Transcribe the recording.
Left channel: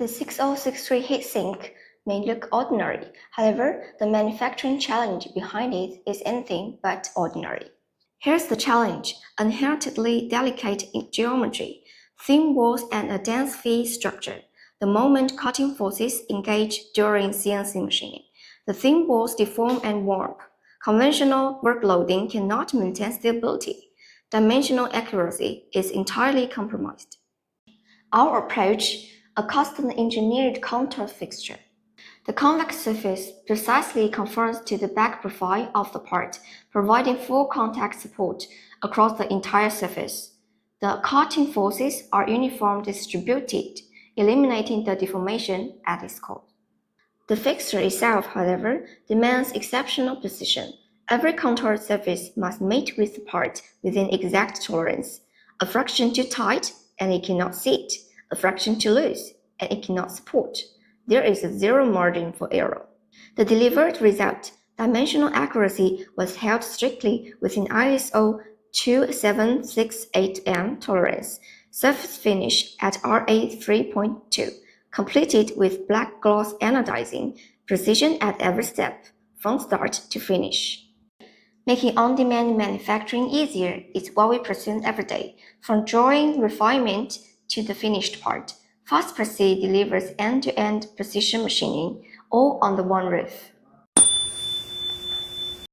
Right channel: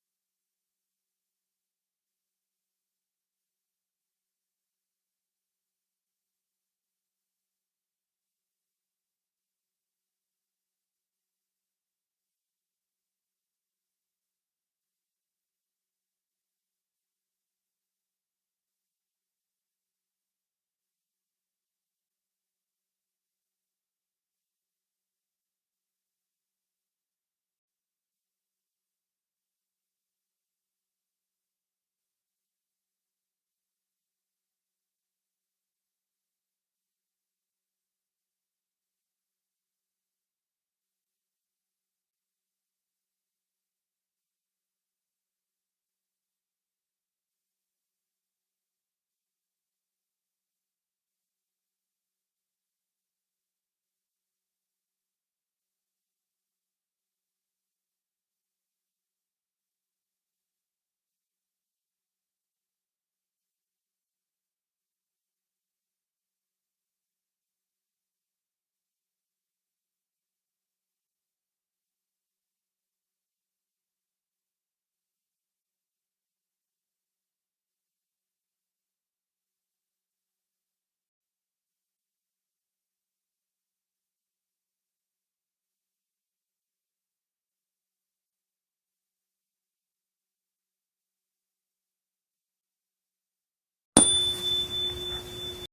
The 6063 heatsink may look ordinary, however, the manufacturing challenge behind it is anything but ordinary. Here's the challenge: inherently delicate geometry, thin walls and a dense feed structure. The moment cutting forces engage during CNC machining, the thin walls deform and warp. Conventional work loading cannot maintain stability. Dimensional accuracy is entirely compromised. Our approach: a custom-engineered contour fixture. The convex surface precisely conforms to the back profile of the part, providing full contact support across the entire surface. The cutting forces are uniformly distributed, eliminating the deformation at its core. The fixture itself, however, demands exceptional precision. Every contoured surface must mate with the part within exact tolerance. A fraction too tight, and it cannot sit. A fraction too loose, and it cannot support. There is a zero margin for error. The delivered result, dimensional accuracy, was held strictly within ISO 2768M tolerance. Surface finish at RA 3.2, completed with black gloss anodizing, precision at every step, from start to finish. Making on-demand manufacturing easier is what we pursue every day, from drawing refinement to the finished part. FastPreci delivers end-to-end precision machining, all under one roof.